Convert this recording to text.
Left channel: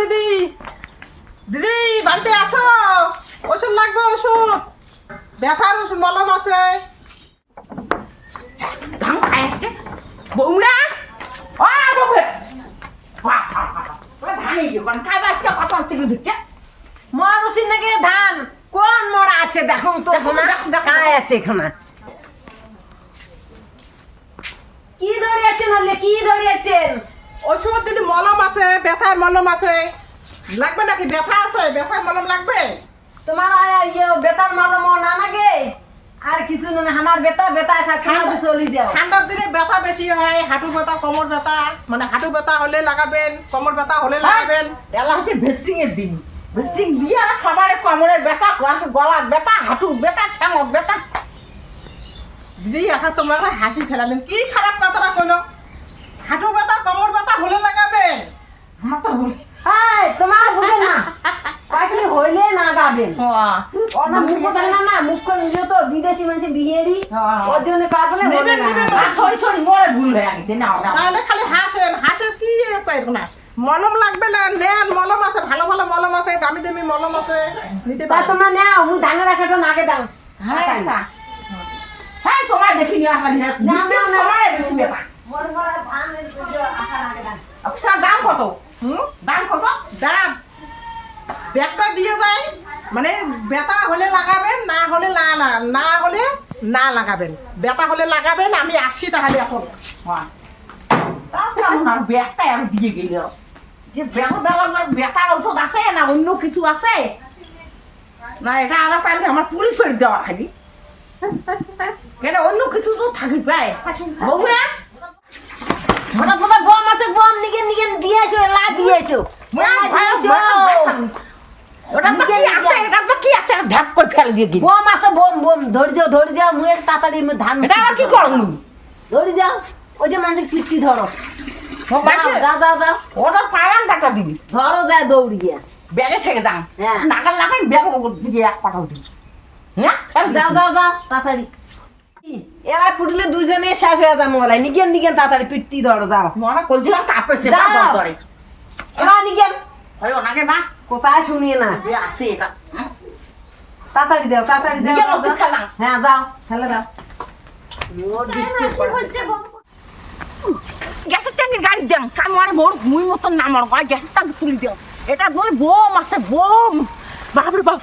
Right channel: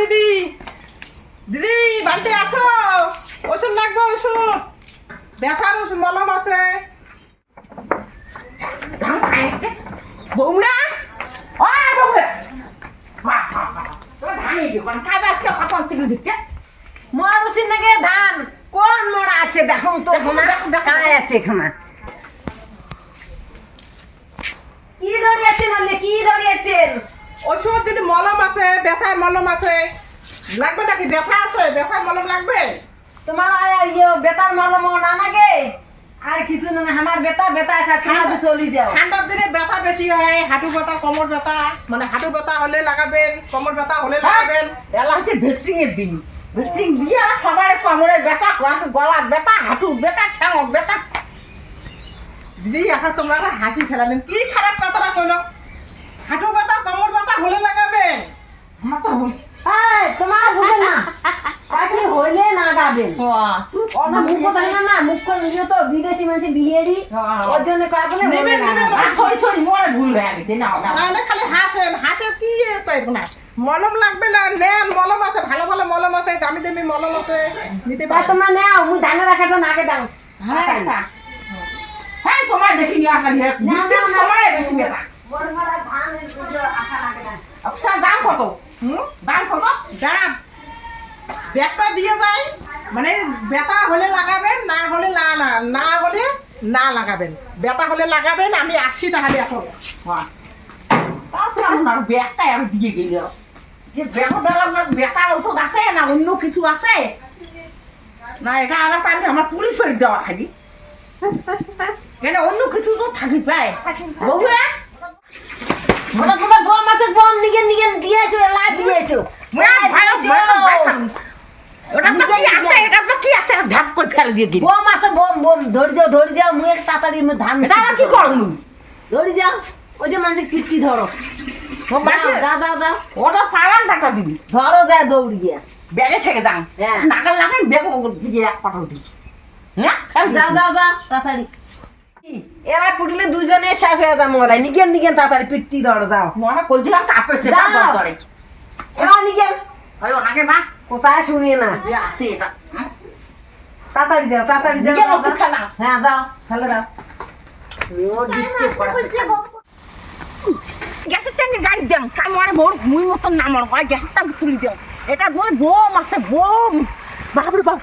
দিদি, দিদি বাড়িতে আছো? ওষুধ লাগবে, ওষুধ, ব্যথার ওষুধ, মলম আছে। ধান খাইছে বৌমা, ও বৌমা, ধানই দোকান খাইবে আসছে, কত চিনি দিচ্ছে মোর ওষুধ নাকি ধান কোন মোড়া আছে দেখো তো, খাই আছে এখানে। কি দড়িয়েছেন হলে, কি দড়িয়েছেন? ওষুধ দিদি, মলম আছে, ব্যথার মলম আছে। লাগবে নাকি? ব্যথা আছে, ব্যথার মলম লাগবে? তোমার বেতার মলম না নাগে আর কিছু না, আমার বেতা বেতায় খানা চলি যাও। ঠান্ডার দিনে ব্যথা বেশি হয়, হাঁটু ব্যথা, কোমর ব্যথা, মানে হাঁটু ব্যথা হলে লাগাবেন, কোমর ব্যথা হলে লাগাবেন। এলা হচ্ছে ভেস্টিং এর দিন, ভেস্টিং দিয়ে সবার কোমরের ব্যথা, গলার ব্যথা, হাঁটু ব্যথা, ঠ্যাঙর ব্যথা। দিদি এখন তোমরা হাসি ফেলালেন, কি খারাপ কথাটা কইলো? হাঁটু ব্যথা, কোমর ব্যথা হলে লাগাবেন। আমার তো তোমার বুঝে না পাখি হইলে না গাবেন। মুখ কথা না, মুখ করে নিজে তো বিদেশি মানুষ বিহেরি, ওর জন্য কয় বলে হইলে না। ছড়ি ছড়ি মরে ভুল হয়ে গেছে না। তাহলে খালি হাসেন, হাসেন কি আছে না? মলম লাগবে না, নেন, মলম আছে, ভালো ভালো মলম আছে, দামি দামি মলম আছে, নিতে পারো। তোমার নেও, মুই ধানের রাখাটা নাকে দাও। হ্যাঁ তোমার দেখিনি আসলে তোমার বেশি ব্যথা। আচ্ছা দাম কত? দাম কত? দাম ব্যাগটা দিয়ে যায়, মানে ব্যথা হলে লাগাবেন, না হলে না হলে না লাগাবেন। ব্যথা হলে লাগাবেন, আমি আসছি তাহলে এখন। কেমন আর ব্যাগটাই আমি দিয়ে গেল যে ব্যাগ দিলাম, ব্যথার ওষুধ আছে না অন্য কিছু আছে না? এটা আমার তাহলে আমার পুলিশের দেওয়া খালি, কেন অন্য কিছু তো থাকি পায় বউয়া। ওটা তোমার বম আছে, বম নিগেন নিগেন দিয়েছো, লা দিয়েছো। ধাপ করে ফেল দিয়ে গেল। বম আছে, বম বম ধরে যাও মুয়ের তাড়াতাড়ি ধান কি করবো? ধরে যাও, ওই যে মানুষের কীর্তি ধরো, যাও যাও যাও, ওটা পালান টাকা দিবি, ধরো যা দৌড়ি গিয়া ব্যাগে থেকে যান, হ্যাঁ। নাগাল লাগাই ব্যাগ দিয়ে এক পাঠাও দিবি। হ্যাঁ যাও যাও যাও তাড়াতাড়ি। এরা ফুটলে দুজনে শেষ হয়ে যাবো, বলে নিগেন নিগেন তাড়াতাড়ি পিট্টি ধরো যাও। মনে করছিলাম কাপড়ছে করে ওরা নিগেন হয় ওনাকে মা কোথায় শুনিয়ে না, আছে এটা তাড়াতাড়ি যাও তাড়াতাড়ি যাও। নিগেন ওষুধ খেলাম। হ্যাঁ যাও ফেলে দাও। ও ডিস্টার্ব করছে। গ্যাসের ট্যাঙ্কের গাড়ি দেন, আমার বড় মুই মতন না, আমার হয় গ্যাসের ট্যাঙ্ক তুলি দেন। এটা বলে বোম আছে, বোম, বাপরে বাপ।